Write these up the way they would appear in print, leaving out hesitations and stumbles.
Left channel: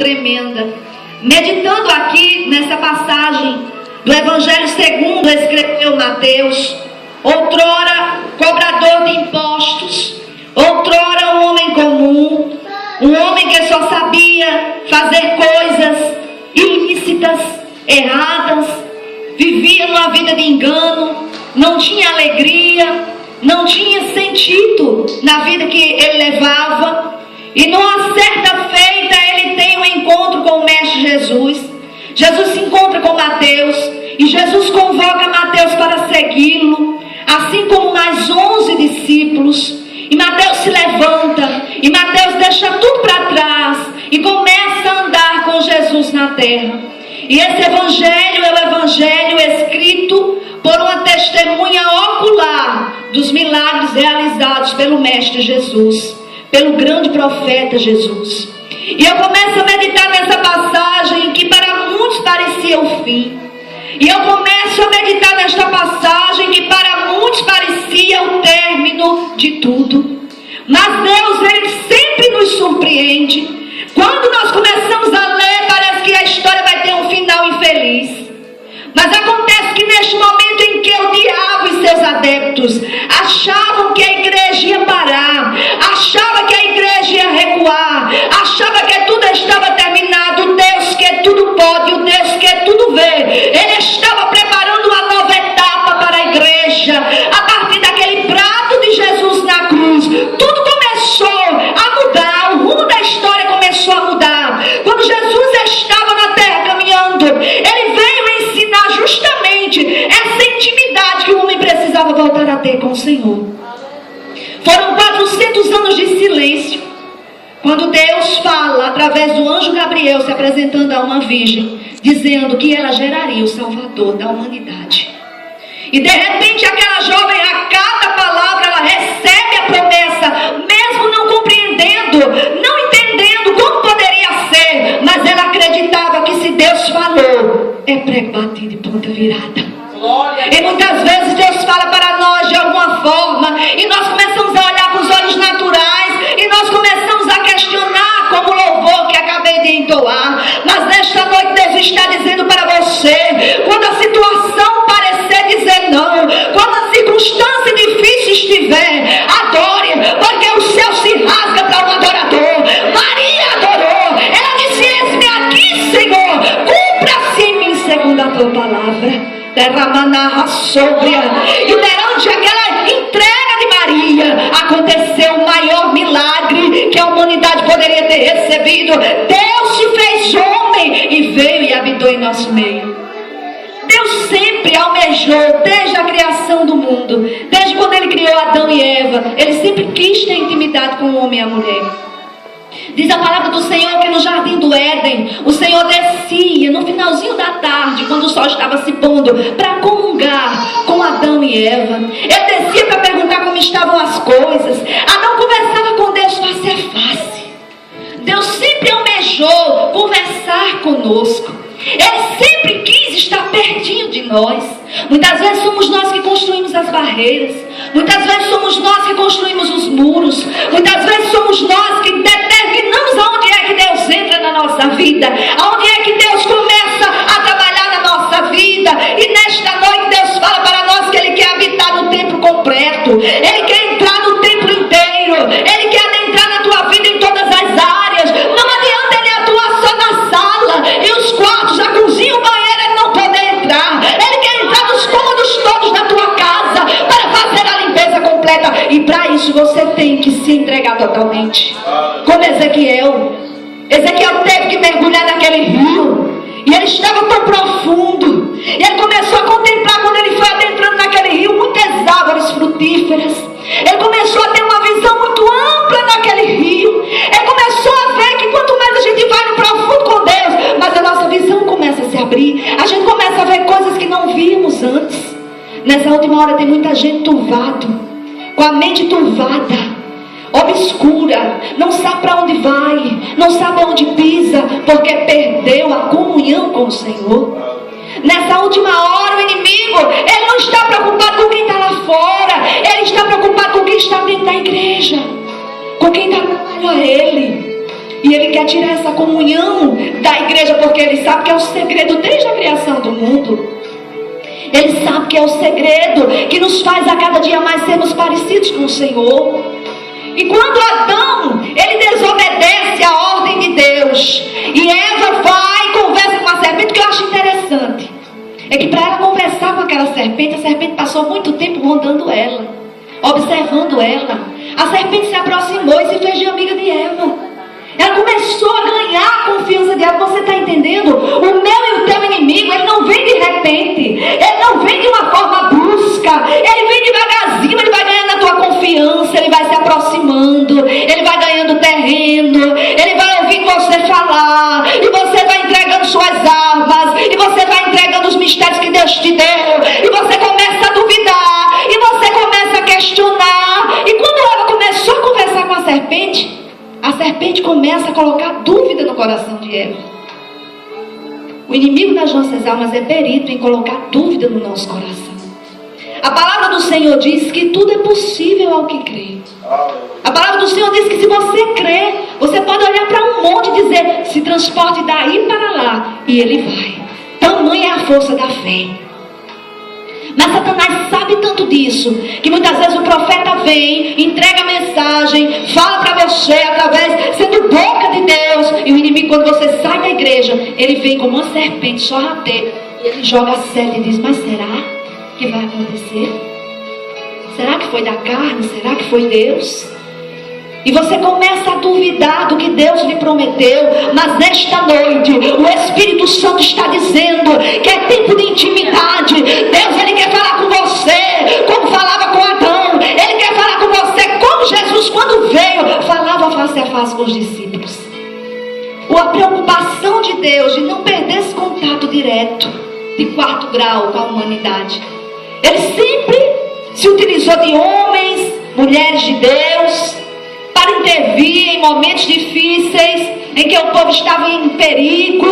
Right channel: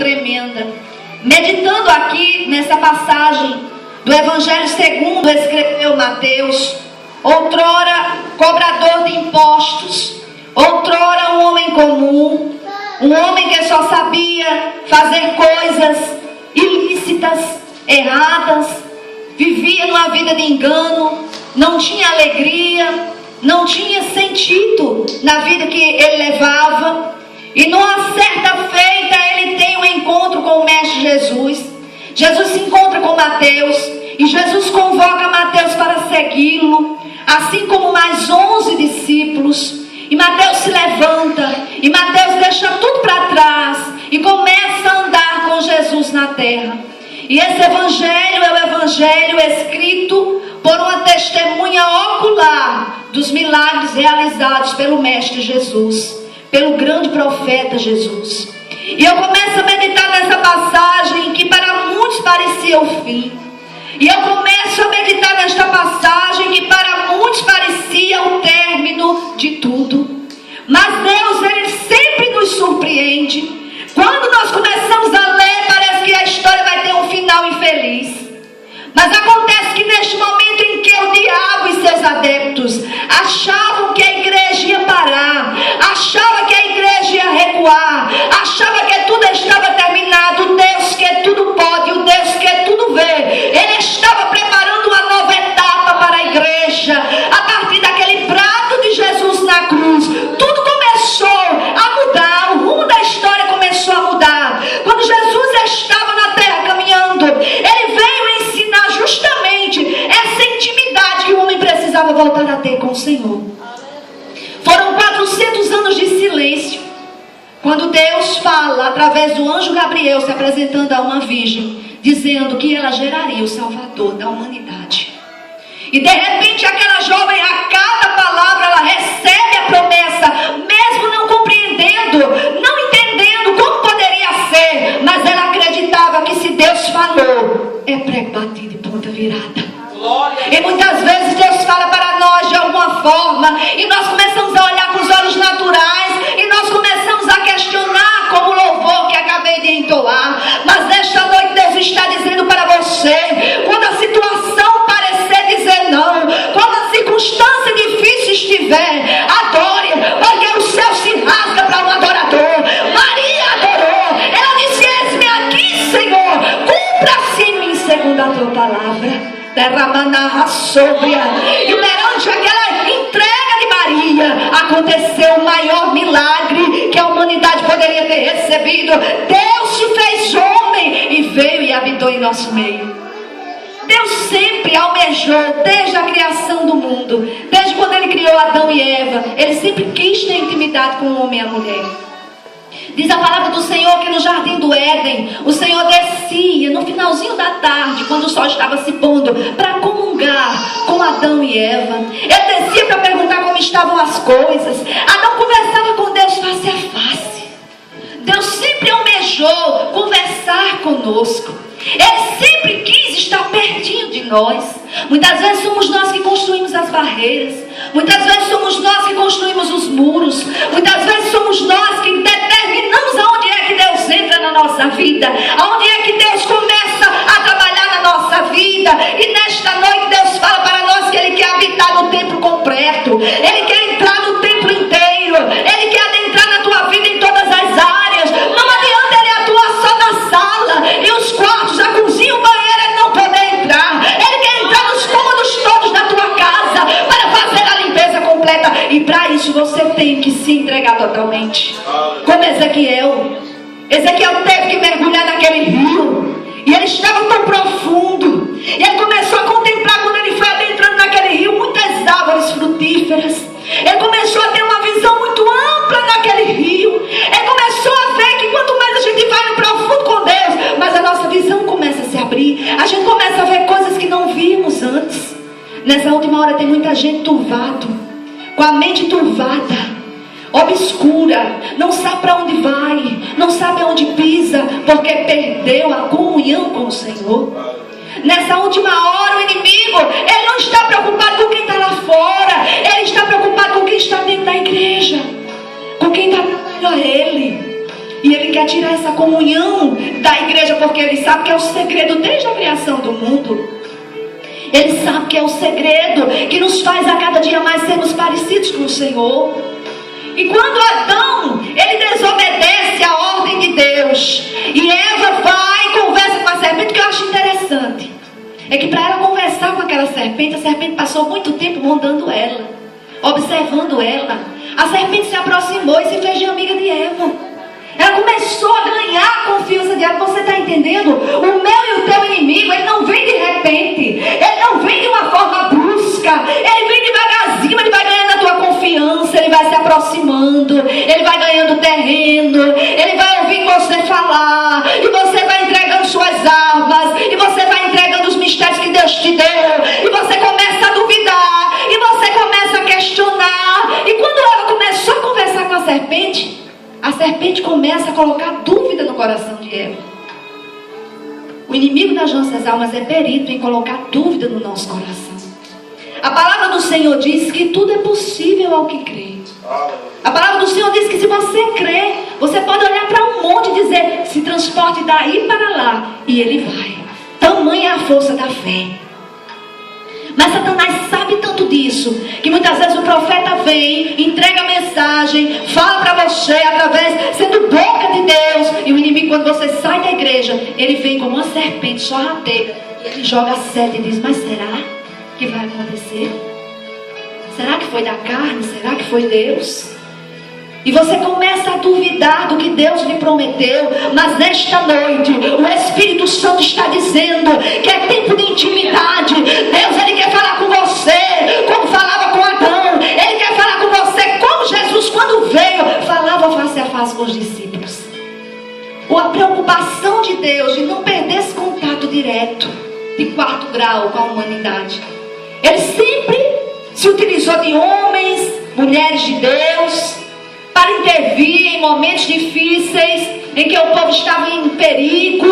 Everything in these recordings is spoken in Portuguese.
tremenda. Meditando aqui nessa passagem do Evangelho segundo escreveu Mateus, outrora cobrador de impostos, outrora um homem comum, um homem que só sabia fazer coisas ilícitas, erradas, vivia numa vida de engano, não tinha alegria, não tinha sentido na vida que ele levava. E numa certa feita ele tem um encontro com o Mestre Jesus. Jesus se encontra com Mateus e Jesus convoca Mateus para segui-lo, assim como mais 11 discípulos. E Mateus se levanta e Mateus deixa tudo para trás e começa a andar com Jesus na terra. E esse evangelho é o evangelho escrito por uma testemunha ocular dos milagres realizados pelo Mestre Jesus, pelo grande profeta Jesus. E eu começo a meditar nessa passagem que para muitos parecia o fim. E eu começo a meditar nesta passagem que para muitos parecia o término de tudo. Mas Deus, Ele sempre nos surpreende. Quando nós começamos a ler, parece que a história vai ter um final infeliz. Mas acontece que neste momento em que o diabo e seus adeptos achavam que a igreja ia parar, achava que a igreja ia recuar, achava que tudo estava terminado, o Deus que tudo pode, o Deus que tudo vê, Ele estava preparando uma nova etapa para a igreja. A partir daquele prato de Jesus na cruz, tudo começou a mudar, o rumo da história começou a mudar. Quando Jesus estava na terra caminhando, Ele veio ensinar justamente essa intimidade que o homem precisava voltar a ter com o Senhor. Foram 400 anos de silêncio, quando Deus fala através do anjo Gabriel se apresentando a uma virgem, dizendo que ela geraria o Salvador da humanidade. E de repente aquela jovem, a cada palavra ela recebe a promessa, mesmo não compreendendo, não entendendo como poderia ser, mas ela acreditava que se Deus falou, é prego batido e ponta virada. E muitas vezes Deus fala para nós de alguma forma e nós começamos a olhar com os olhos naturais e nós começamos a questionar, como o louvor que acabei de entoar. Mas nesta noite Deus está dizendo para você, quando a situação parecer dizer não, quando a circunstância difícil estiver, adore, porque o céu se rasga para o adorador. Maria adorou, ela disse: eis-me aqui, Senhor, cumpra-se em mim segundo a tua palavra. Derramana sóbria. E perante aquela entrega de Maria, aconteceu o maior milagre que a humanidade poderia ter recebido. Deus se fez homem e veio e habitou em nosso meio. Deus sempre almejou, desde a criação do mundo, desde quando Ele criou Adão e Eva, Ele sempre quis ter intimidade com o homem e a mulher. Diz a palavra do Senhor que no jardim do Éden, o Senhor descia no finalzinho da tarde, quando o sol estava se pondo, para comungar com Adão e Eva. Ele descia para perguntar como estavam as coisas. Adão conversava com Deus face a face. Deus sempre almejou conversar conosco. Ele sempre quis estar pertinho de nós. Muitas vezes somos nós que construímos as barreiras. Muitas vezes somos nós que construímos os muros. Muitas vezes somos nós que determinamos aonde é que Deus entra na nossa vida, aonde é que Deus começa a trabalhar na nossa vida. E nesta noite Deus fala para nós que Ele quer habitar no templo completo. Ele quer entrar no templo inteiro. Ele quer adentrar na tua vida em todas as áreas. Não adianta Ele atuar só na sala e os quartos, a cozinha, o banheiro, Ele não poder entrar. Ele quer entrar nos cômodos todos da tua casa para fazer a limpeza completa. E para isso você tem que se entregar totalmente. Como Ezequiel. Ezequiel teve que mergulhar naquele rio. E ele estava tão profundo. E ele começou a contemplar, quando ele foi adentrando naquele rio, muitas árvores frutíferas. Ele começou a ter uma visão muito ampla naquele rio. Ele começou a ver que quanto mais a gente vai no profundo com Deus, mais a nossa visão começa a se abrir. A gente começa a ver coisas que não víamos antes. Nessa última hora tem muita gente turvado, com a mente turvada, obscura, não sabe para onde vai, não sabe aonde pisa, porque perdeu a comunhão com o Senhor. Nessa última hora o inimigo, ele não está preocupado com quem está lá fora, ele está preocupado com quem está dentro da igreja, com quem está trabalhando a ele. E ele quer tirar essa comunhão porque Ele sabe que é o segredo desde a criação do mundo. Ele sabe que é o segredo que nos faz a cada dia mais sermos parecidos com o Senhor. E quando Adão, ele desobedece a ordem de Deus, e Eva vai e conversa com a serpente, o que eu acho interessante é que para ela conversar com aquela serpente, a serpente passou muito tempo rondando ela, observando ela. A serpente se aproximou e se fez de amiga de Eva. Ela começou a ganhar a confiança de Eva. Você está entendendo? O meu e o teu inimigo, ele não vem de repente, ele não vem de uma forma brusca, ele vem devagarzinho, ele vai ganhando a tua confiança, ele vai se aproximando, ele vai ganhando terreno, ele vai ouvir você falar, e você vai entregando suas armas, e você vai entregando os mistérios que Deus te deu, e você começa a duvidar, e você começa a questionar. E quando ela começou a conversar com a serpente começa a colocar dúvida no coração de Eva. O inimigo das nossas almas é perito em colocar dúvida no nosso coração. A palavra do Senhor diz que tudo é possível ao que crê. A palavra do Senhor diz que se você crê, você pode olhar para um monte e dizer: se transporte daí para lá, e ele vai. Tamanha é a força da fé. Mas Satanás sabe tanto disso, que muitas vezes o profeta vem, entrega a mensagem, fala para você através, sendo boca de Deus. E o inimigo, quando você sai da igreja, ele vem como uma serpente sorrateira, ele joga a seta e diz: mas será que vai acontecer? Será que foi da carne? Será que foi Deus? E você começa a duvidar do que Deus lhe prometeu. Mas nesta noite o Espírito Santo está dizendo que é tempo de intimidade. Deus, ele quer falar com você como falava com Adão. Ele quer falar com você como Jesus, quando veio, falava face a face com os discípulos. A preocupação de Deus de não perder esse contato direto, de 4º grau com a humanidade. Ele sempre se utilizou de homens, mulheres de Deus, para intervir em momentos difíceis, em que o povo estava em perigo.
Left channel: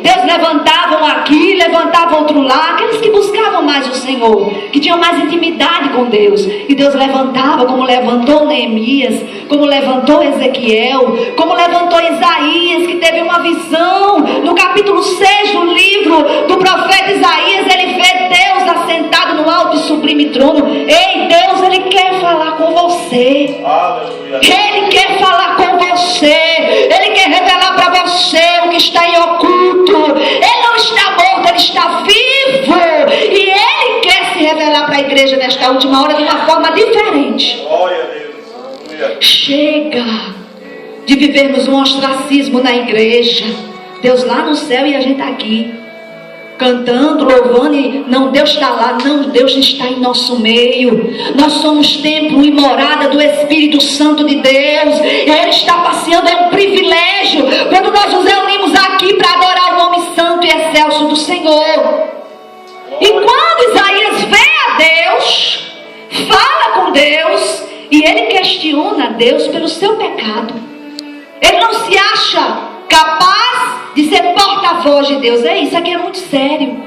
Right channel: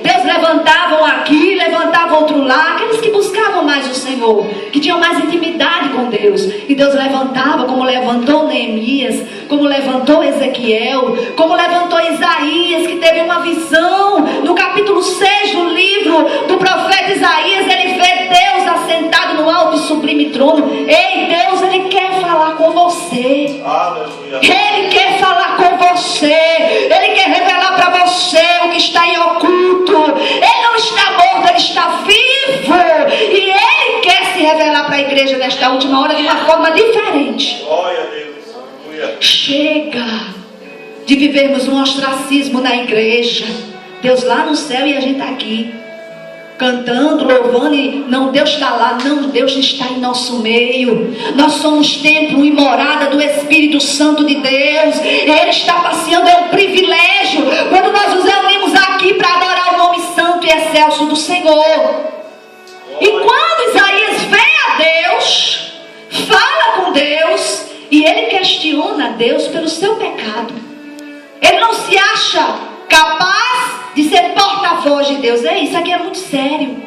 Deus levantava um aqui, levantava outro lá, aqueles que buscavam mais o Senhor, que tinham mais intimidade com Deus. E Deus levantava, como levantou Neemias, como levantou Ezequiel, como levantou Isaías, que teve uma visão. No capítulo 6 do livro do profeta Isaías, ele vê Deus assentado no alto e sublime trono. Ei, Deus, ele quer falar com você. Aleluia. Ele quer falar com você. Ele quer revelar para você o que está em oculto. Ele não está morto, ele está vivo. E ele quer se revelar para a igreja nesta última hora de uma forma diferente. Glória a Deus. Aleluia. Chega de vivermos um ostracismo na igreja. Deus lá no céu e a gente aqui cantando, louvando, e não, Deus está lá. Não, Deus está em nosso meio. Nós somos templo e morada do Espírito Santo de Deus. Ele está passeando, é um privilégio quando nós nos reunimos aqui para adorar o nome santo e excelso do Senhor. E quando Isaías vê a Deus, fala com Deus, e ele questiona Deus pelo seu pecado. Ele não se acha capaz de ser porta-voz de Deus. Isso aqui é muito sério.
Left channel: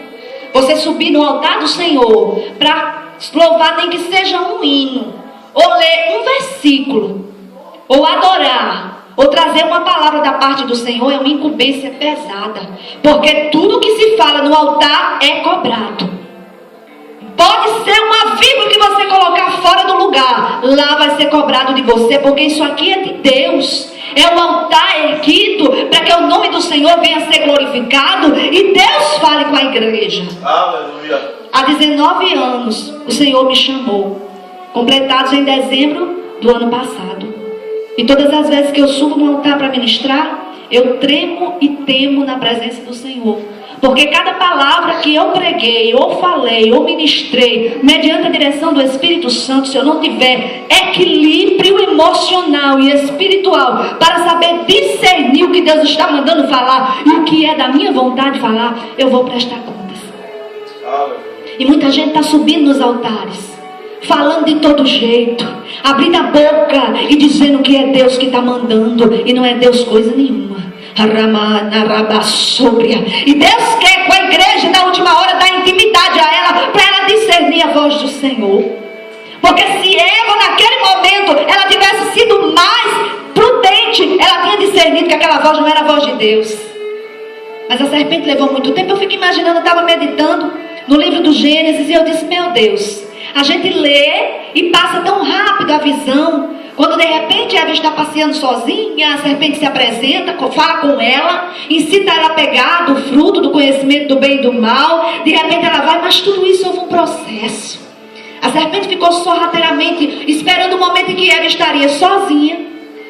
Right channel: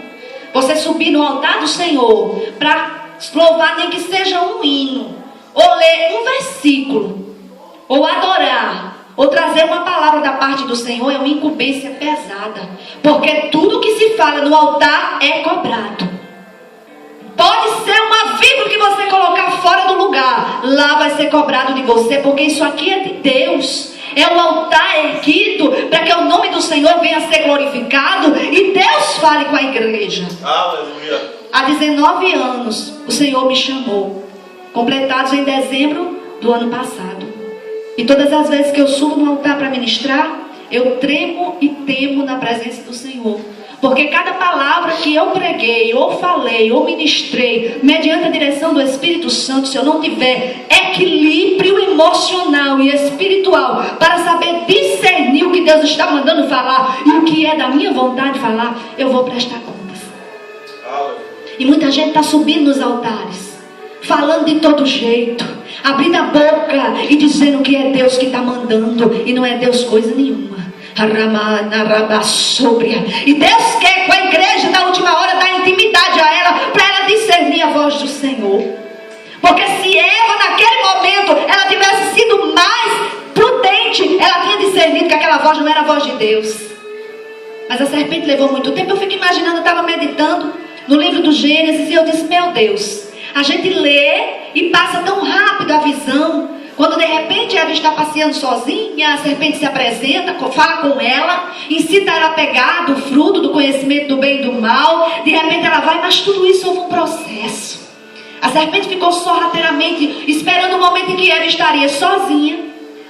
Você subir no altar do Senhor para louvar, nem que seja um hino, ou ler um versículo, ou adorar, ou trazer uma palavra da parte do Senhor, é uma incumbência pesada. Porque tudo que se fala no altar é cobrado. Pode ser uma vírgula que você colocar fora do lugar, lá vai ser cobrado de você, porque isso aqui é de Deus. É um altar erguido para que o nome do Senhor venha a ser glorificado e Deus fale com a igreja. Aleluia. Há 19 anos o Senhor me chamou, completados em dezembro do ano passado. E todas as vezes que eu subo no altar para ministrar, eu tremo e temo na presença do Senhor. Porque cada palavra que eu preguei, ou falei, ou ministrei, mediante a direção do Espírito Santo, se eu não tiver equilíbrio emocional e espiritual, para saber discernir o que Deus está mandando falar, e o que é da minha vontade falar, eu vou prestar contas. E muita gente está subindo nos altares, falando de todo jeito, abrindo a boca e dizendo que é Deus que está mandando, e não é Deus coisa nenhuma. E Deus quer com a igreja na última hora dar intimidade a ela, para ela discernir a voz do Senhor. Porque se Eva naquele momento ela tivesse sido mais prudente, ela tinha discernido que aquela voz não era a voz de Deus. Mas a serpente levou muito tempo. Eu fico imaginando, eu estava meditando no livro do Gênesis e eu disse, meu Deus, a gente lê e passa tão rápido a visão. Quando de repente Eva está passeando sozinha, a serpente se apresenta, fala com ela, incita ela a pegar do fruto do conhecimento do bem e do mal. De repente ela vai, mas tudo isso houve um processo. A serpente ficou sorrateiramente esperando o momento em que Eva estaria sozinha,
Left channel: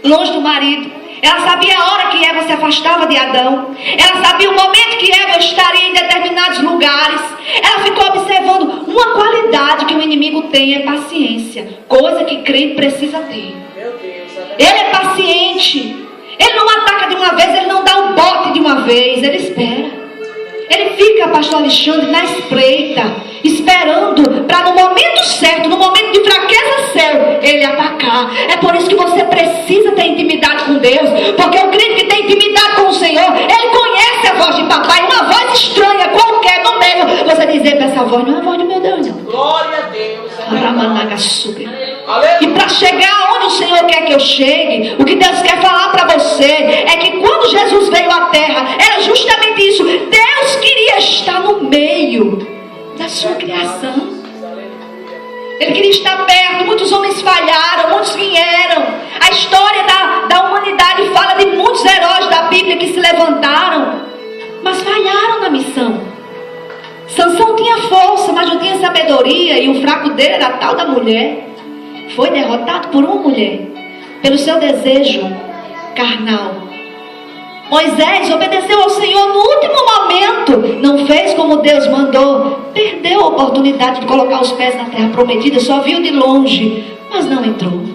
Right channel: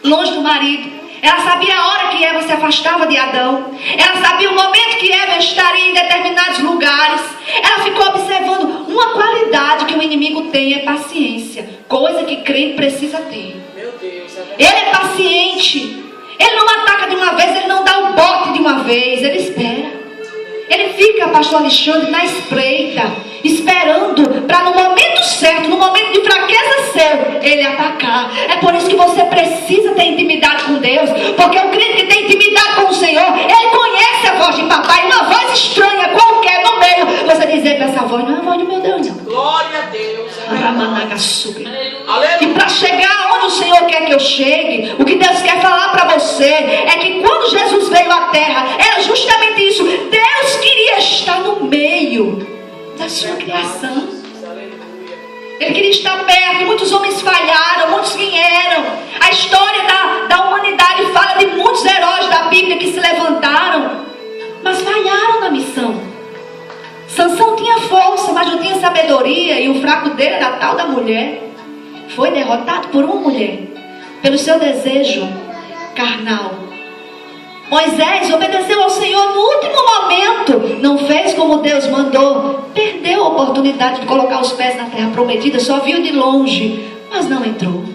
longe do marido. Ela sabia a hora que Eva se afastava de Adão. Ela sabia o momento que Eva estaria em determinados lugares. Ela ficou observando uma qualidade que o inimigo tem, é paciência. Coisa que crente precisa ter. Meu Deus, ele é paciente. Ele não ataca de uma vez, ele não dá o bote de uma vez, ele espera. Ele fica, pastor Alexandre, na espreita, esperando para no momento certo, no momento de fraqueza seu, ele atacar. É por isso que você precisa ter intimidade com Deus, porque o crente que tem intimidade com o Senhor, ele conhece a voz de papai, uma voz estranha qualquer no meio. Você dizer para essa voz, não é a voz do meu Deus, não. Glória a Deus. E para chegar onde o Senhor quer que eu chegue, o que Deus quer falar para você é que quando Jesus veio à terra, era justamente isso. Deus queria estar no meio da sua criação. Ele queria estar perto. Muitos homens falharam, muitos vieram. A história da humanidade fala de muitos heróis da Bíblia que se levantaram, mas falharam na missão. Sansão tinha força, mas não tinha sabedoria, e o fraco dele era a tal da mulher. Foi derrotado por uma mulher, pelo seu desejo carnal. Moisés obedeceu ao Senhor no último momento, não fez como Deus mandou, perdeu a oportunidade de colocar os pés na terra prometida, só viu de longe, mas não entrou.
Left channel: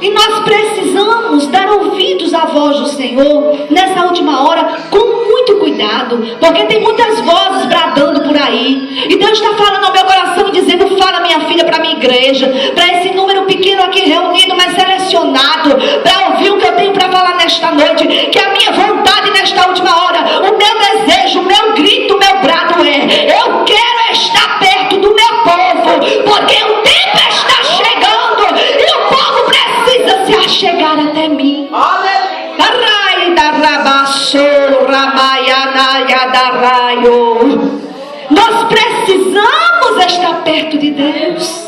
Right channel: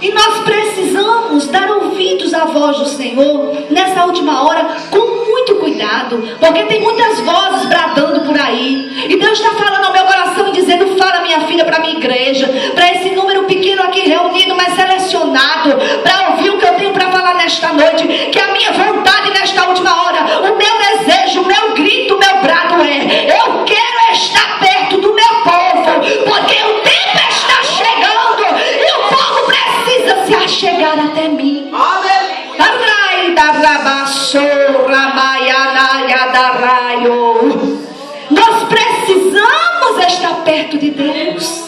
E nós precisamos dar ouvidos à voz do Senhor nessa última hora, com muito cuidado, porque tem muitas vozes bradando por aí. E Deus está falando ao meu coração e dizendo, fala minha filha para a minha igreja, para esse número pequeno aqui reunido, mas selecionado, para ouvir o que eu tenho para falar nesta noite, que a minha vontade nesta última hora, o meu desejo, o meu grito, o meu brado é, eu quero estar perto do meu povo, porque o tempo está chegando e o povo precisa se achegar até mim. Nós precisamos estar perto de Deus.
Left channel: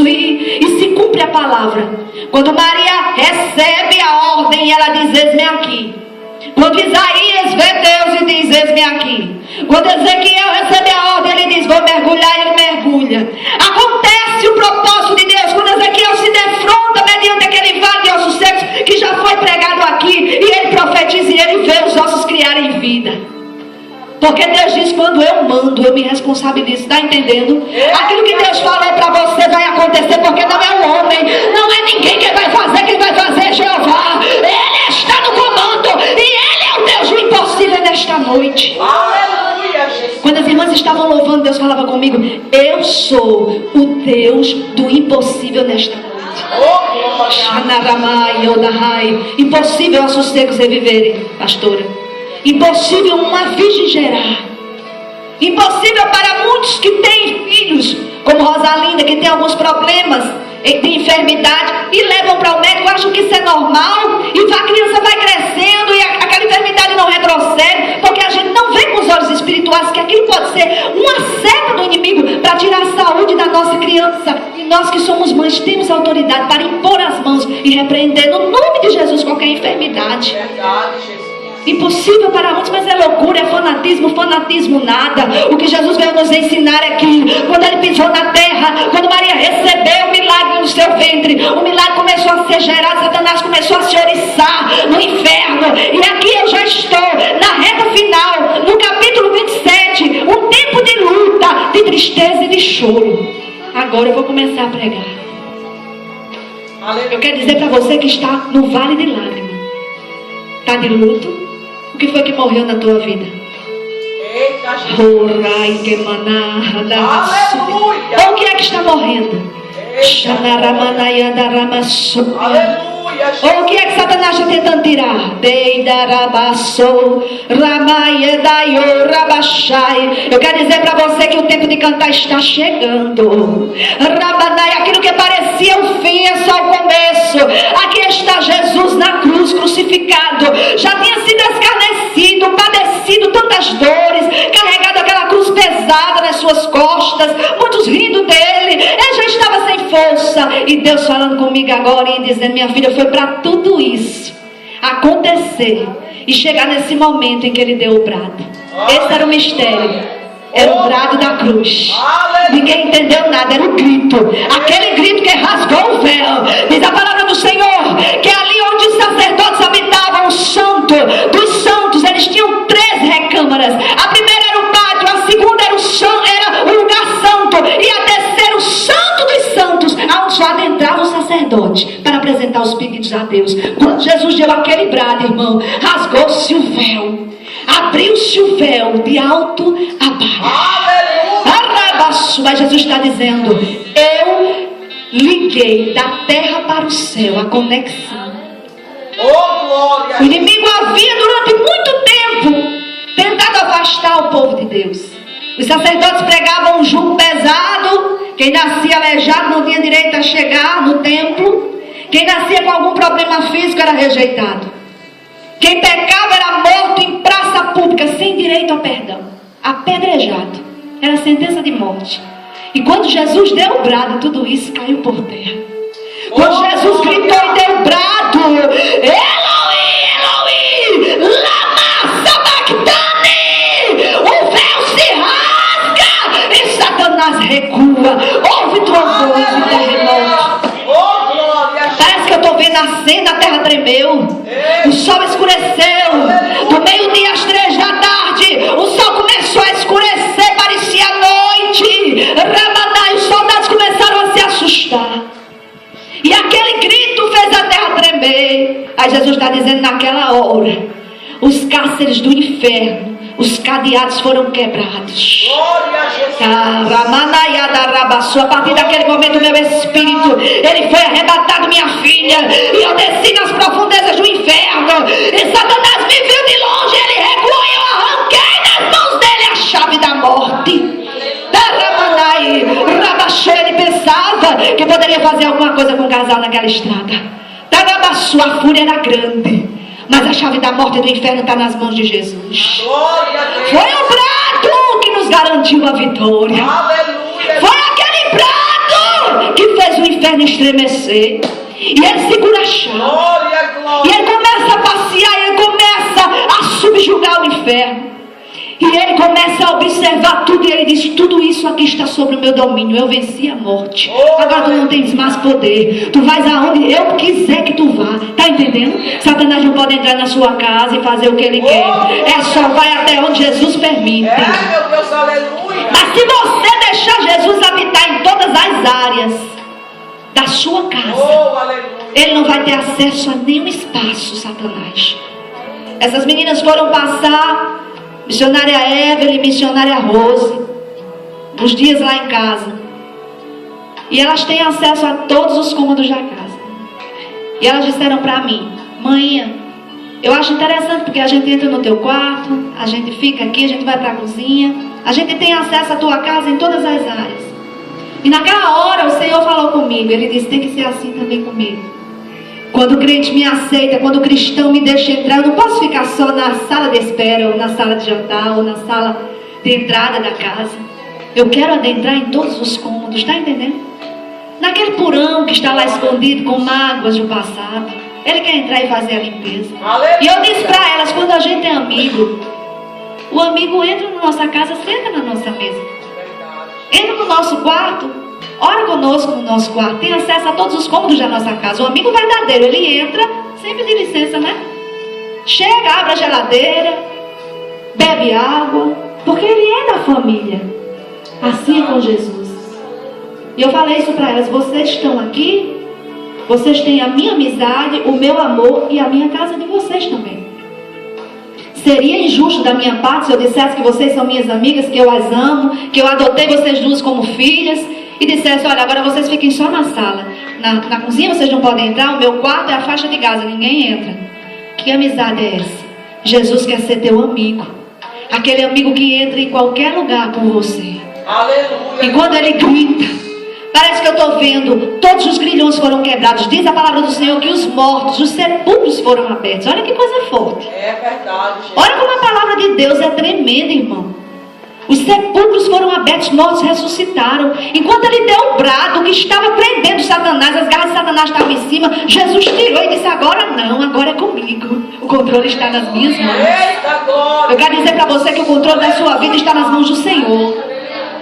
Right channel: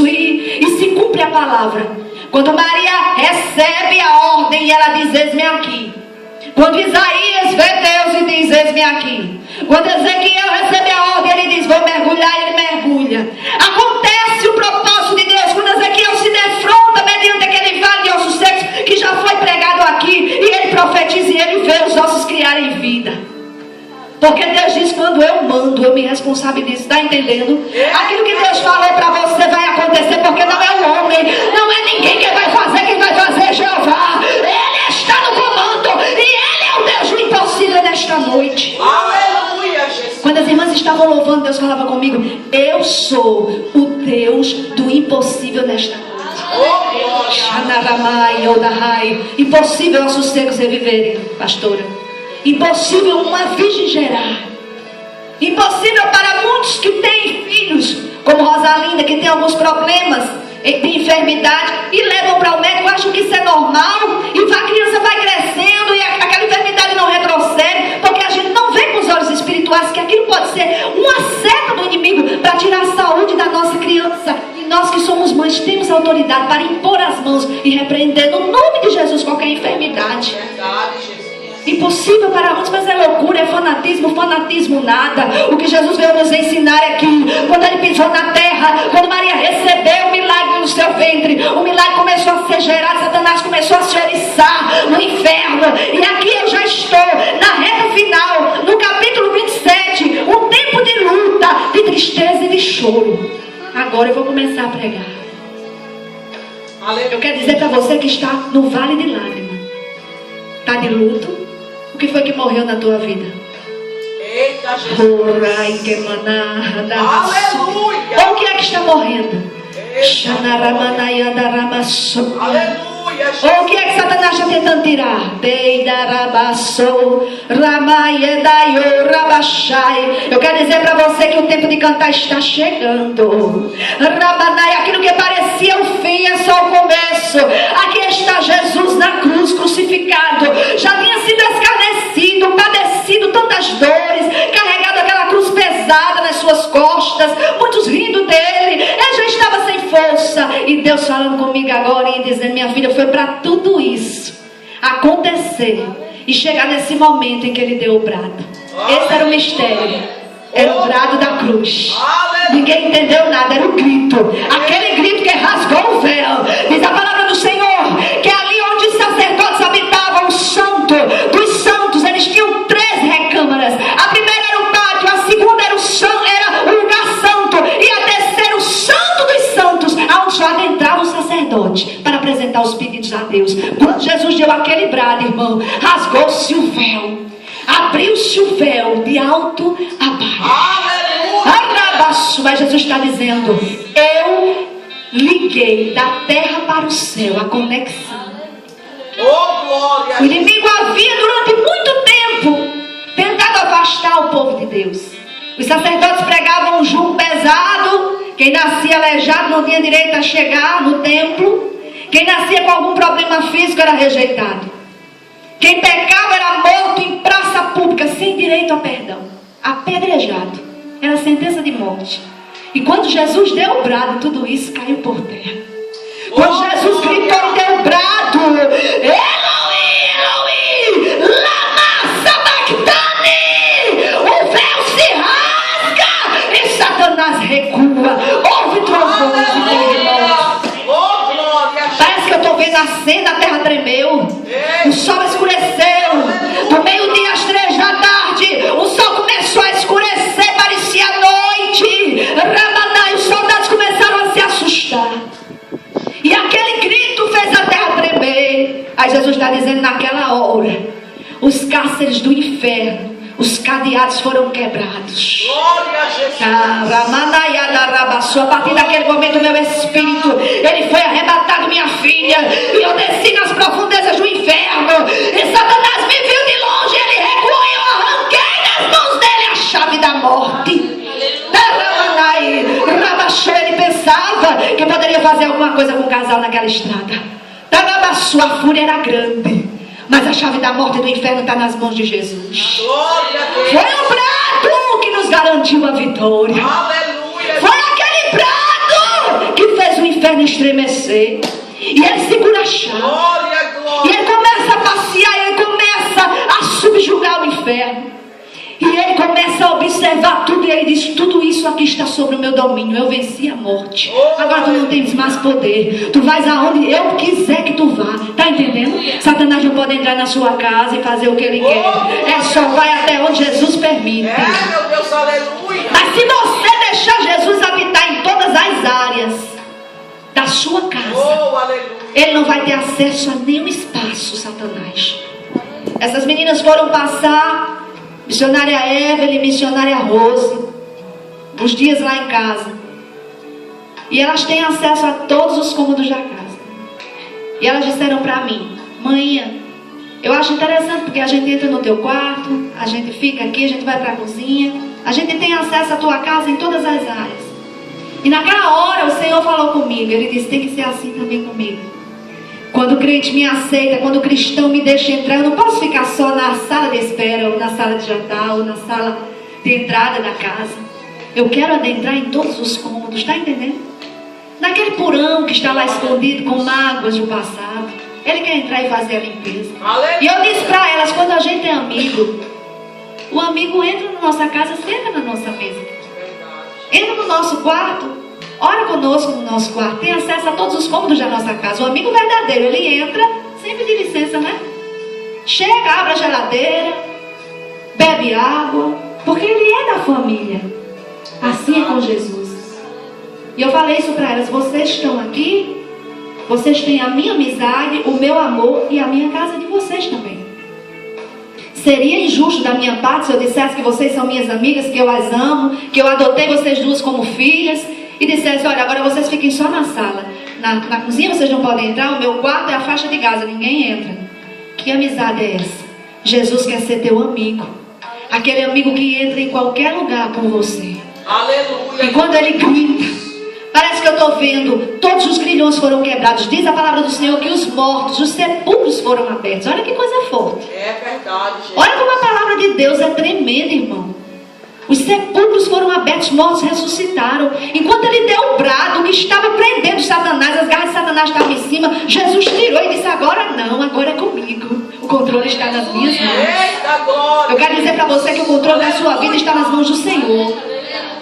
E se cumpre a palavra. Quando Maria recebe a ordem, ela diz, eis-me aqui. Quando Isaías vê Deus e diz, eis-me aqui. Quando Ezequiel recebe a ordem, ele diz, vou mergulhar, ele mergulha. Acontece o propósito de Deus quando Ezequiel se defronta mediante aquele vale de ossos secos que já foi pregado aqui, e ele profetiza e ele vê os ossos criarem vida. Porque Deus diz, quando eu mando, eu me responsabilizo. Está entendendo? Aquilo que Deus falou para você vai acontecer, porque não é o homem, não é ninguém que vai fazer, quem vai fazer é Jeová. Ele está no comando e Ele é o Deus do impossível nesta noite. Aleluia, Jesus. Quando as irmãs estavam louvando, Deus falava comigo, eu sou o Deus do impossível nesta noite. Impossível a sossegos reviverem, pastora. Impossível uma virgem gerar. Impossível para muitos que têm filhos, como Rosalinda, que tem alguns problemas de enfermidade e levam para o médico, acham que isso é normal, e a criança vai crescendo e aquela enfermidade não retrocede, porque a gente não vê com os olhos espirituais que aquilo pode ser uma seta do inimigo para tirar a saúde da nossa criança. E nós que somos mães temos autoridade para impor as mãos e repreender no nome de Jesus qualquer enfermidade. Verdade, Jesus. Impossível para muitos, mas é loucura, é fanatismo nada. O que Jesus veio nos ensinar é que quando ele pisou na terra, quando Maria recebeu o milagre no seu ventre, o milagre começou a ser gerado, Satanás começou a se oriçar no inferno. E aqui eu já estou na reta final, no capítulo 27, um tempo de luta, de tristeza e de choro. Agora eu vou começar a pregar. Eu quero dizer para você que está no vale de lágrimas, está de luto. O que foi que morreu na tua vida? Eita, Jesus. Ou o que é que está morrendo? Aleluia, Jesus. Ou o que é que Satanás está tentando tirar? Eu quero dizer para você que o tempo de cantar está chegando. Aquilo que parecia o fim é só o começo. Aqui está Jesus na cruz, crucificado. Já tinha sido escarnecido, padecido tantas dores, carregado aquela cruz pesada nas suas costas, muitos rindo dele. Ele já estava sem força. E Deus falando comigo agora e dizendo: minha filha, foi para tudo isso acontecer e chegar nesse momento em que ele deu o brado. Esse era o mistério. Era o brado da cruz. Ninguém entendeu nada, era o grito. Aquele grito que rasgou o véu. Diz a palavra do Senhor que ali onde os sacerdotes habitavam, o santo dos santos, eles tinham 3 recâmaras. A primeira era o pátio, a segunda era o lugar santo, e a terceira o santo dos santos, aonde só adentrava o sacerdote para apresentar os pedidos a Deus. Quando Jesus deu aquele brado, irmão, rasgou-se o véu. Abriu-se o véu de alto a baixo. Mas Jesus está dizendo: eu liguei da terra para o céu a conexão. O inimigo havia durante muito tempo tentado afastar o povo de Deus. Os sacerdotes pregavam um jugo pesado. Quem nascia aleijado não tinha direito a chegar no templo. Quem nascia com algum problema físico era rejeitado. Quem pecava era morto em praça pública, sem direito a perdão, apedrejado. Era sentença de morte. E quando Jesus deu o brado, tudo isso caiu por terra. Quando Jesus gritou e deu o brado: Eloi, Eloi, lama sabachthani, o véu se rasga e Satanás recua. Houve trovões e terremotos. Parece que eu estou vendo a cena, a terra tremeu. O sol escureceu. Do meio-dia às 3 da tarde, o sol começou a escurecer, parecia noite. Ramadai, os soldados começaram a se assustar. E aquele grito fez a terra tremer. Aí Jesus está dizendo: naquela hora, os cárceres do inferno, os cadeados foram quebrados. A partir daquele momento, meu espírito, ele foi arrebatado, minha filha, e eu desci nas profundezas do inferno. E Satanás me viu de longe, ele recuou e eu arranquei das mãos dele a chave da morte. Ele pensava que poderia fazer alguma coisa com o casal naquela estrada. A fúria era grande, mas a chave da morte e do inferno está nas mãos de Jesus. Foi o brado que nos garantiu a vitória. Foi aquele brado que fez o inferno estremecer. E ele segura a chave. E ele começa a passear, ele começa a subjugar o inferno. E ele começa a observar tudo. E ele diz: tudo isso aqui está sobre o meu domínio. Eu venci a morte. Agora tu não tens mais poder. Tu vais aonde eu quiser que tu vá. Está entendendo? Satanás não pode entrar na sua casa e fazer o que ele quer. É só vai até onde Jesus permite. Meu Deus, aleluia. Mas se você deixar Jesus habitar em todas as áreas da sua casa, ele não vai ter acesso a nenhum espaço, Satanás. Essas meninas foram passar, missionária Evelyn e missionária Rose, uns dias lá em casa. E elas têm acesso a todos os cômodos da casa. E elas disseram para mim: mãe, eu acho interessante porque a gente entra no teu quarto, a gente fica aqui, a gente vai para a cozinha, a gente tem acesso à tua casa em todas as áreas. E naquela hora o Senhor falou comigo. Ele disse: tem que ser assim também comigo. Quando o crente me aceita, quando o cristão me deixa entrar, eu não posso ficar só na sala de espera, ou na sala de jantar, ou na sala de entrada da casa. Eu quero adentrar em todos os cômodos, está entendendo? Naquele porão que está lá escondido com mágoas do passado, ele quer entrar e fazer a limpeza. E eu disse para elas: quando a gente é amigo, o amigo entra na nossa casa, senta na nossa mesa, entra no nosso quarto, ora conosco no nosso quarto, tem acesso a todos os cômodos da nossa casa. O amigo verdadeiro, ele entra sem pedir licença, né? Chega, abre a geladeira, bebe água, porque ele é da família. Assim é com Jesus. E eu falei isso para elas: vocês estão aqui, vocês têm a minha amizade, o meu amor e a minha casa de vocês também. Seria injusto da minha parte se eu dissesse que vocês são minhas amigas, que eu as amo, que eu adotei vocês duas como filhas, e dissesse: olha, agora vocês fiquem só na sala. na cozinha vocês não podem entrar, o meu quarto é a faixa de Gaza, ninguém entra. Que amizade é essa? Jesus quer ser teu amigo. Aquele amigo que entra em qualquer lugar com você. Aleluia. E quando ele grita, parece que eu estou vendo, todos os grilhões foram quebrados. Diz a palavra do Senhor que os mortos, os sepulcros foram abertos. Olha que coisa forte. É verdade, gente. Olha como a palavra de Deus é tremenda, irmão. Os sepulcros foram abertos, os mortos ressuscitaram. Enquanto ele deu o brado que estava prendendo Satanás, as garras de Satanás estavam em cima, Jesus tirou e disse: agora não, agora é comigo. O controle está nas minhas mãos. Eita glória. Eu quero dizer para você que o controle da sua vida está nas mãos do Senhor.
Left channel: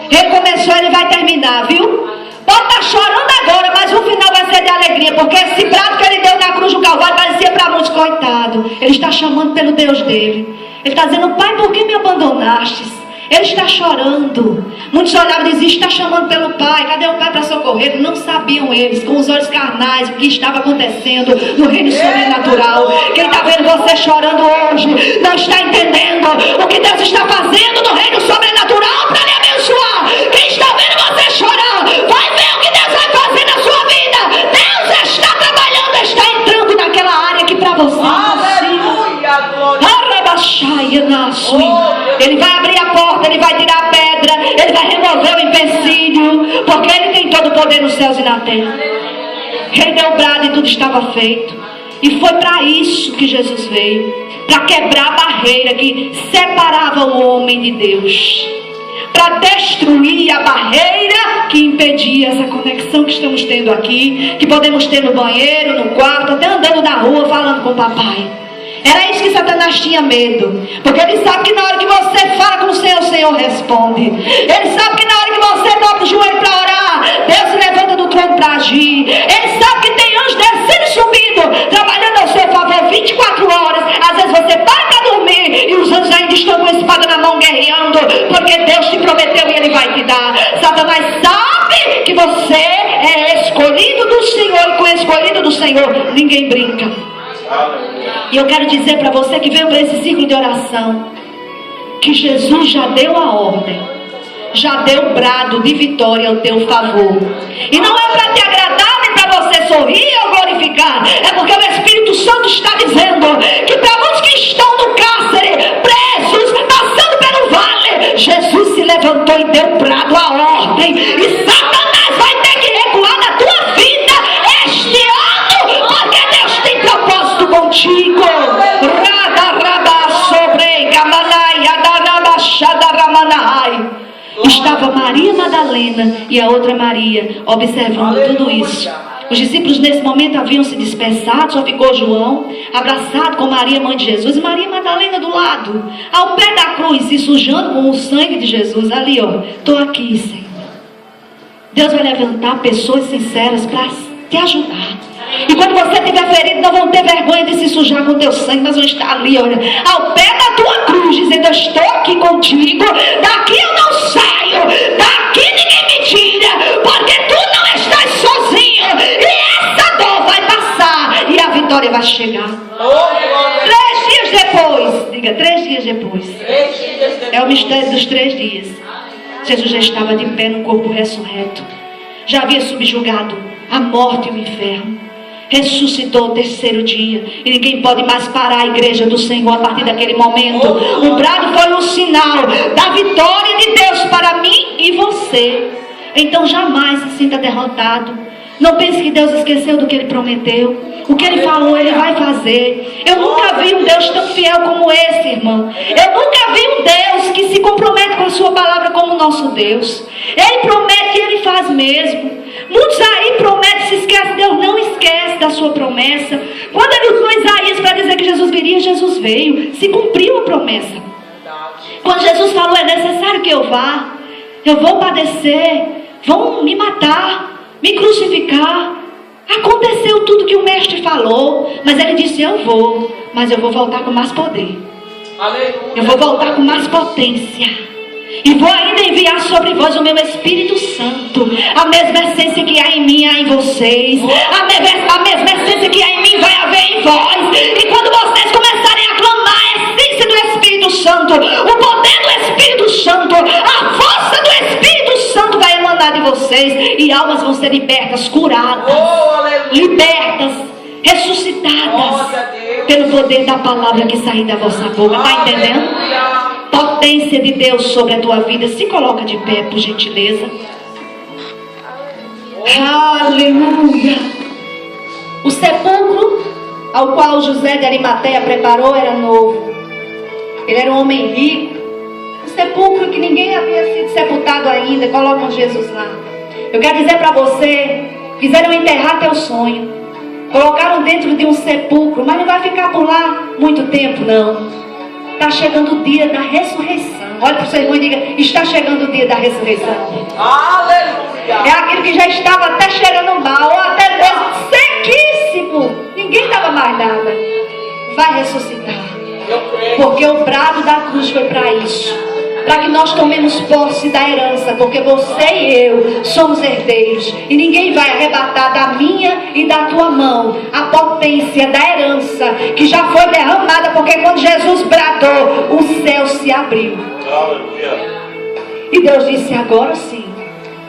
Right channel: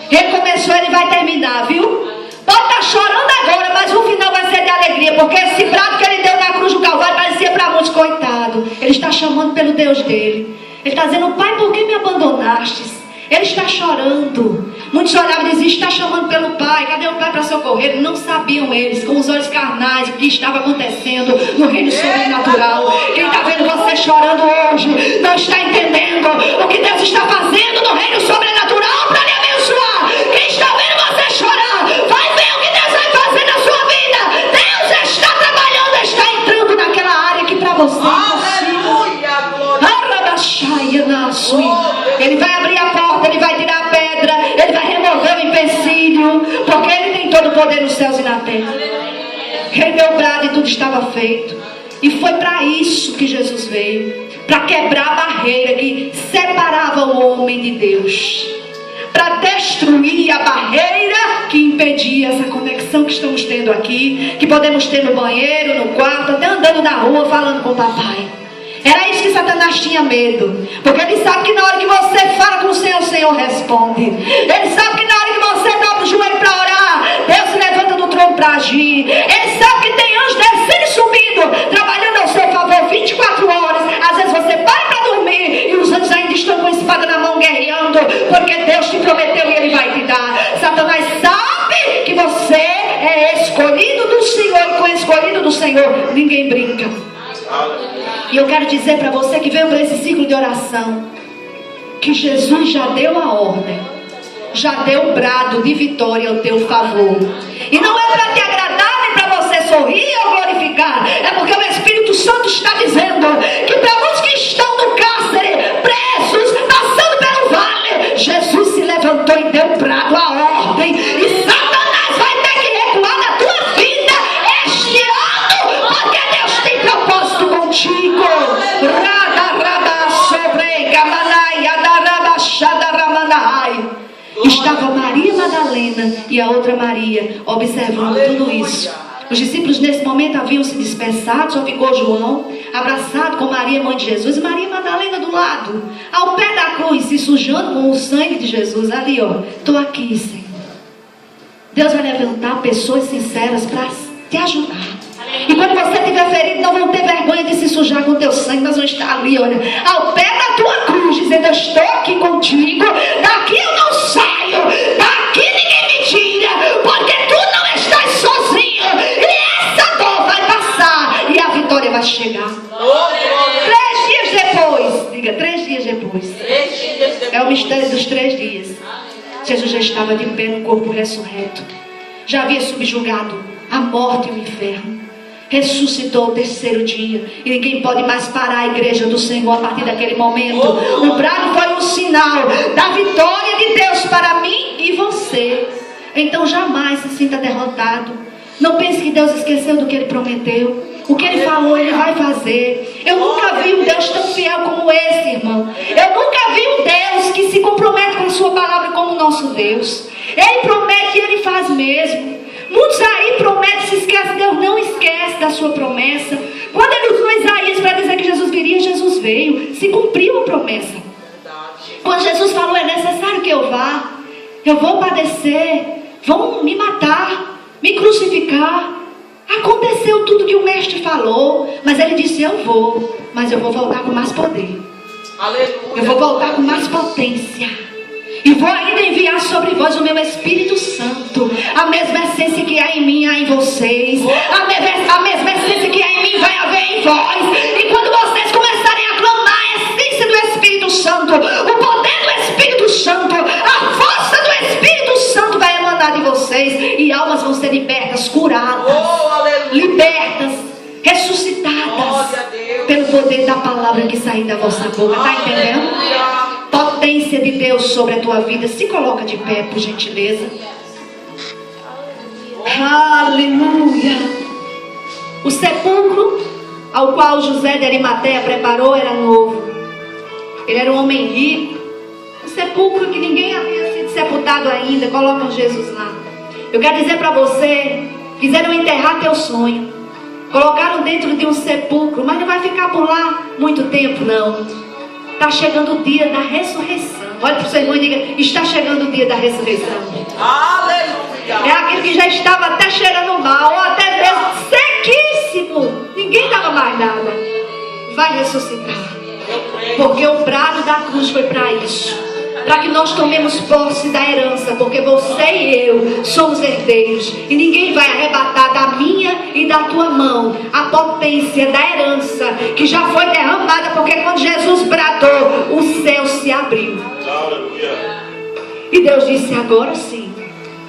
Ele começou, ele vai terminar, viu? Pode estar chorando agora, mas o final vai ser de alegria, porque esse brado que ele deu na cruz do Calvário parecia para muitos, coitado. Ele está chamando pelo Deus dele. Ele está dizendo: Pai, por que me abandonastes? Ele está chorando. Muitos olhavam e diziam: está chamando pelo Pai. Cadê o Pai para socorrer? Não sabiam eles, com os olhos carnais, o que estava acontecendo no reino sobrenatural. Quem está vendo você chorando hoje não está entendendo o que Deus está fazendo no reino sobrenatural para lhe abençoar. Quem está vendo você chorar, vai ver o que Deus vai fazer na sua vida. Deus está trabalhando, está entrando naquela área que para você Aleluia, glória. ele vai abrir a porta, ele vai tirar a pedra, ele vai remover o empecilho, porque ele tem todo o poder nos céus e na terra. Ele deu o brado e tudo estava feito. E foi para isso que Jesus veio, para quebrar a barreira que separava o homem de Deus, para destruir a barreira que impedia essa conexão que estamos tendo aqui, que podemos ter no banheiro, no quarto, até andando na rua falando com o papai. Era isso que Satanás tinha medo, porque ele sabe que na hora que você fala com o Senhor responde. Ele sabe que na hora que você dobra o joelho para orar, Deus se levanta do trono para agir. Ele sabe que tem anjos descendo e subindo, trabalhando ao seu favor 24 horas. Às vezes você para dormir e os anjos ainda estão com a espada na mão guerreando, porque Deus te prometeu e Ele vai te dar. Satanás sabe que você é escolhido do Senhor, e com o escolhido do Senhor ninguém brinca. E eu quero dizer para você que veio para esse ciclo de oração, que Jesus já deu a ordem, já deu o brado de vitória ao teu favor. E não é para te agradar, nem para você sorrir ou glorificar. É porque o Espírito Santo está dizendo que para muitos que estão no cárcere, presos, passando pelo vale, Jesus se levantou e deu o brado, a ordem. E Satanás vai ter que recuar na tua vida este ano, porque Deus tem propósito contigo. Estava Maria Madalena e a outra Maria observando tudo isso. Os discípulos nesse momento haviam se dispersado, só ficou João abraçado com Maria, mãe de Jesus, e Maria Madalena do lado, ao pé da cruz, se sujando com o sangue de Jesus. Ali, ó, estou aqui, Senhor. Deus vai levantar pessoas sinceras para te ajudar. E quando você estiver ferido, não vão ter vergonha de se sujar com o teu sangue, mas vão estar ali, olha, ao pé da tua cruz, dizendo: eu estou aqui contigo, daqui eu não saio, daqui ninguém me tira, porque tu não estás sozinho, e essa dor vai passar, e a vitória vai chegar. 3 dias depois, diga, 3 dias depois, é o mistério dos 3 dias. Jesus já estava de pé no corpo ressurreto, já havia subjugado a morte e o inferno, ressuscitou o 3º dia, e ninguém pode mais parar a igreja do Senhor a partir daquele momento. O brado foi um sinal da vitória de Deus para mim e você. Então jamais se sinta derrotado. Não pense que Deus esqueceu do que Ele prometeu. O que Ele falou, Ele vai fazer. Eu nunca vi um Deus tão fiel como esse, irmão. Eu nunca vi um Deus que se compromete com a sua palavra como o nosso Deus. Ele promete e Ele faz mesmo. Muitos aí prometem, se esquecem. Deus não esquece da sua promessa. Quando Ele usou Isaías para dizer que Jesus viria, Jesus veio. Se cumpriu a promessa. Quando Jesus falou: é necessário que eu vá, eu vou padecer, vão me matar, me crucificar. Aconteceu tudo que o mestre falou, mas Ele disse: eu vou, mas eu vou voltar com mais poder. Eu vou voltar com mais potência. E vou ainda enviar sobre vós o meu Espírito Santo. A mesma essência que há em mim, há em vocês. A mesma essência que há em mim vai haver em vós. E quando vocês começarem a clamar a essência do Espírito Santo, o poder do Espírito Santo, a força do Espírito Santo vai emanar de vocês. vocês e almas vão ser libertas, curadas, Oh, aleluia. libertas, ressuscitadas Glória a Deus. pelo poder da palavra que sair da vossa boca. Está entendendo? Aleluia. Potência de Deus sobre a tua vida. Se coloca de pé, por gentileza. Aleluia. O sepulcro ao qual José de Arimateia preparou era novo. Ele era um homem rico. Um sepulcro que ninguém havia sido sepultado ainda. Colocam Jesus lá. Eu quero dizer para você, quiseram enterrar teu sonho. Colocaram dentro de um sepulcro, mas não vai ficar por lá muito tempo, não. Está chegando o dia da ressurreição. Olha para o seu irmão e diga: está chegando o dia da ressurreição. Aleluia. É aquele que já estava até cheirando mal, ou até mesmo sequíssimo. Ninguém estava mais nada. Vai ressuscitar. Eu creio. Porque o brado da cruz foi para isso. Para que nós tomemos posse da herança. Porque você e eu somos herdeiros. E ninguém vai arrebatar da minha e da tua mão a potência da herança que já foi derramada. Porque quando Jesus bradou, o céu se abriu. Aleluia. E Deus disse: agora sim,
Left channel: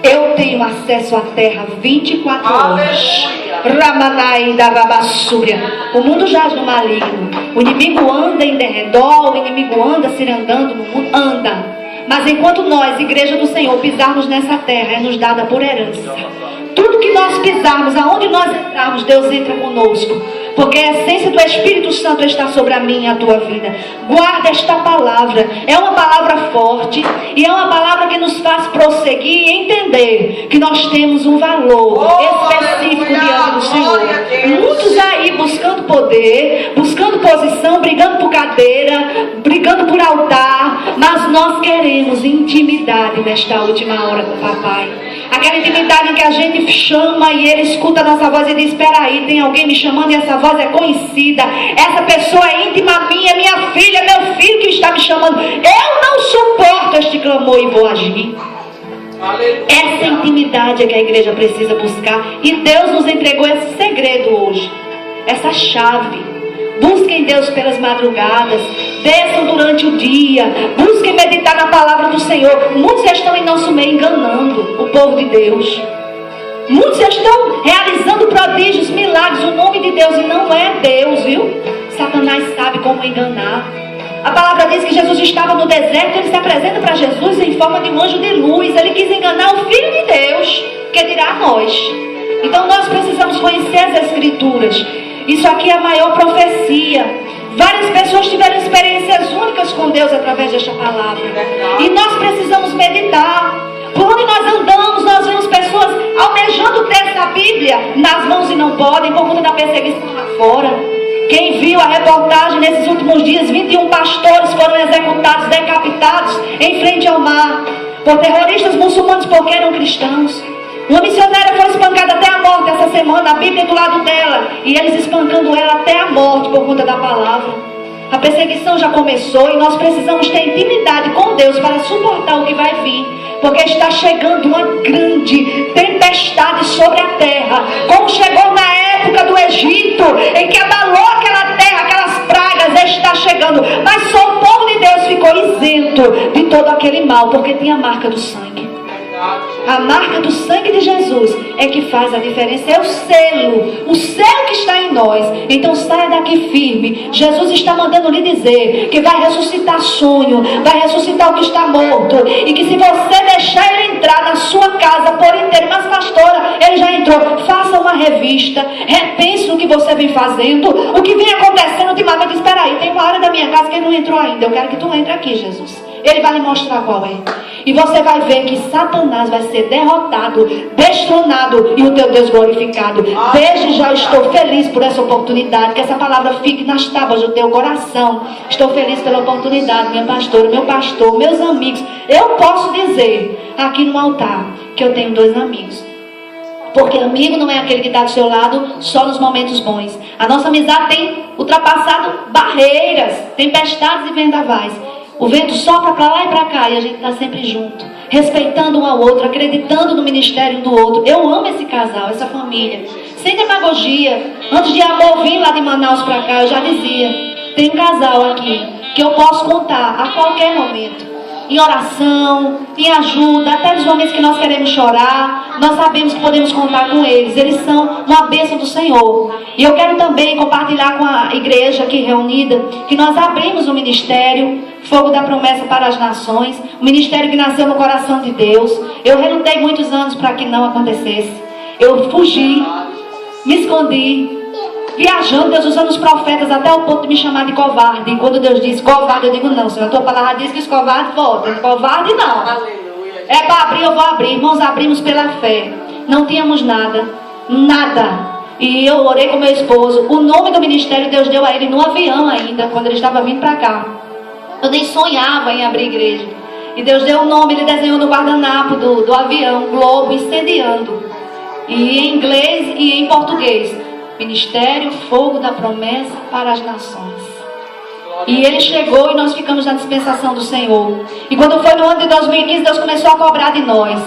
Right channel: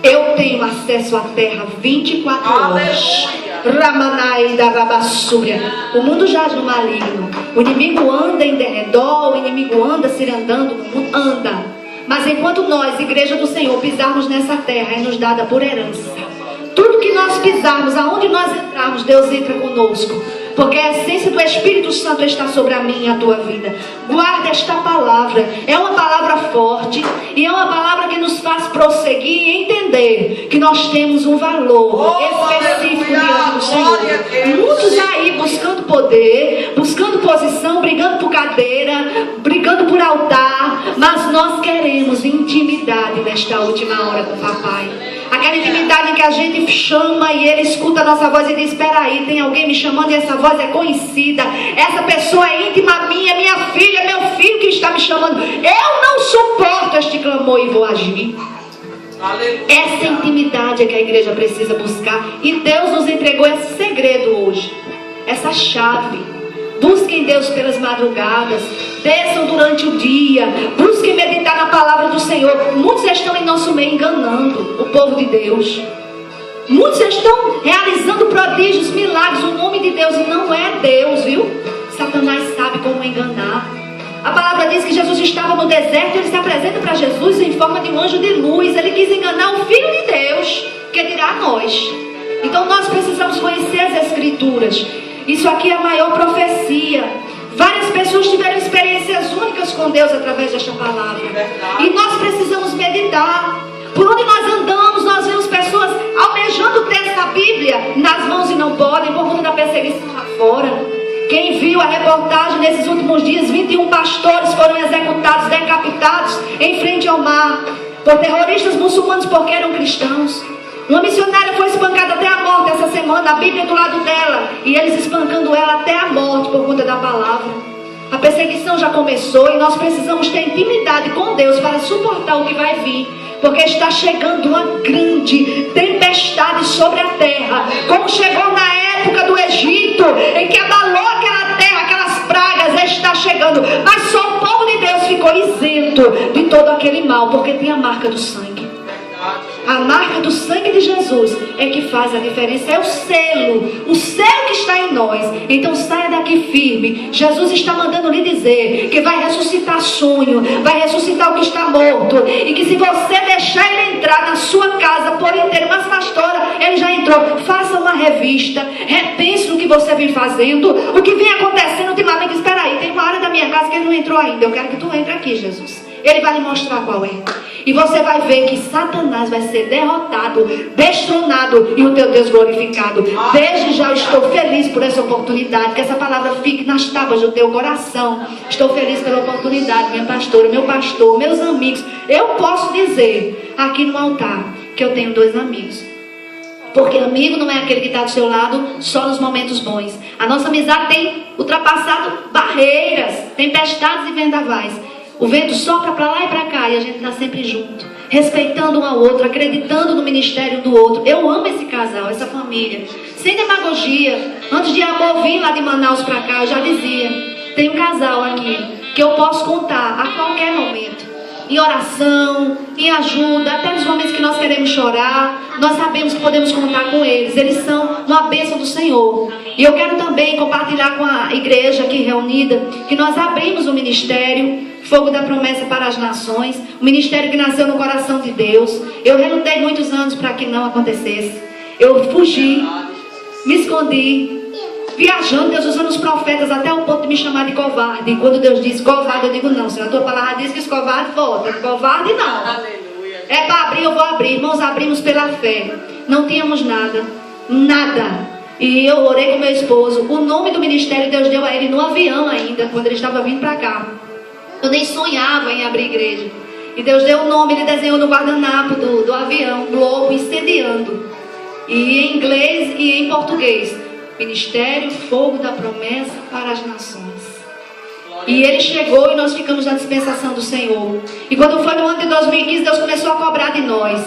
eu tenho acesso à terra 24 horas. Ramanai da Rabassúria. O mundo jaz no maligno. O inimigo anda em derredor. O inimigo anda se andando no mundo. Anda. Mas enquanto nós, igreja do Senhor, pisarmos nessa terra, é nos dada por herança. Tudo que nós pisarmos, aonde nós entrarmos, Deus entra conosco. Porque a essência do Espírito Santo está sobre a minha e a tua vida. Guarda esta palavra. É uma palavra forte. E é uma palavra que nos faz prosseguir e entender que nós temos um valor específico diante do Senhor. Muitos aí buscando poder, buscando posição, brigando por cadeira, brigando por altar. Mas nós queremos intimidade nesta última hora com o papai. Aquela intimidade em que a gente chama e ele escuta a nossa voz e diz: espera aí, tem alguém me chamando e essa voz é conhecida. Essa pessoa é íntima minha, minha filha, meu filho que está me chamando. Eu não suporto este clamor e vou agir. Aleluia. Essa intimidade é que a igreja precisa buscar. E Deus nos entregou esse segredo hoje. Essa chave. Busquem Deus pelas madrugadas. Desçam durante o dia. Busquem meditar na palavra do Senhor. Muitos estão em nosso meio enganando o povo de Deus. Muitos estão realizando prodígios, milagres, o nome de Deus. E não é Deus, viu? Satanás sabe como enganar. A palavra diz que Jesus estava no deserto. Ele se apresenta para Jesus em forma de um anjo de luz. Ele quis enganar o Filho de Deus, que dirá a nós. Então nós precisamos conhecer as Escrituras. Isso aqui é a maior profecia. Várias pessoas tiveram experiências únicas com Deus através desta palavra. E nós precisamos meditar. Por onde nós andamos, nós vemos pessoas almejando ter essa Bíblia nas mãos e não podem por conta da perseguição lá fora. Quem viu a reportagem nesses últimos dias, 21 pastores foram executados, decapitados em frente ao mar por terroristas muçulmanos porque eram cristãos. Uma missionária foi espancada até a morte essa semana, a Bíblia do lado dela, e eles espancando ela até a morte por conta da palavra. A perseguição já começou e nós precisamos ter intimidade com Deus para suportar o que vai vir, porque está chegando uma grande tempestade sobre a terra, como chegou na época do Egito, em que abalou aquela terra, aquelas pragas. Está chegando, mas só o povo de Deus ficou isento de todo aquele mal, porque tinha a marca do sangue. A marca do sangue de Jesus é que faz a diferença. É o selo que está em nós. Então saia daqui firme. Jesus está mandando lhe dizer que vai ressuscitar sonho, vai ressuscitar o que está morto, e que se você deixar ele entrar na sua casa por inteiro, mas pastora, ele já entrou, faça uma revista, repense no que você vem fazendo, o que vem acontecendo ultimamente. Espera aí, tem uma área da minha casa que ele não entrou ainda. Eu quero que tu entre aqui, Jesus. Ele vai lhe mostrar qual é. E você vai ver que Satanás vai ser derrotado, destronado, e o teu Deus glorificado. Desde já eu estou feliz por essa oportunidade. Que essa palavra fique nas tábuas do teu coração. Estou feliz pela oportunidade, minha pastora, meu pastor, meus amigos. Eu posso dizer aqui no altar que eu tenho 2 amigos. Porque amigo não é aquele que está do seu lado só nos momentos bons. A nossa amizade tem ultrapassado barreiras, tempestades e vendavais. O vento sopra para lá e para cá e a gente está sempre junto, respeitando um ao outro, acreditando no ministério do outro. Eu amo esse casal, essa família, sem demagogia. Antes de amor vir lá de Manaus para cá, eu já dizia: tem um casal aqui que eu posso contar a qualquer momento. em oração, em ajuda, até nos momentos que nós queremos chorar, nós sabemos que podemos contar com eles. Eles são uma bênção do Senhor. E eu quero também compartilhar com a igreja aqui reunida que nós abrimos o ministério Fogo da Promessa para as Nações, um ministério que nasceu no coração de Deus. Eu relutei muitos anos para que não acontecesse. Eu fugi, me escondi, viajando, Deus usando os profetas até o ponto de me chamar de covarde. E quando Deus diz covarde, eu digo não, Senhor, a tua palavra diz que os covardes voltam. Covarde não. Aleluia. É para abrir, eu vou abrir. Irmãos, abrimos pela fé. Não tínhamos nada. Nada. E eu orei com meu esposo. O nome do ministério Deus deu a ele no avião ainda, quando ele estava vindo para cá. Eu nem sonhava em abrir igreja. E Deus deu o nome, ele desenhou no guardanapo do avião, globo incendiando. E em inglês e em português. Ministério Fogo da Promessa para as Nações. E ele chegou e nós ficamos na dispensação do Senhor. E quando foi no ano de 2015, Deus começou a cobrar de nós.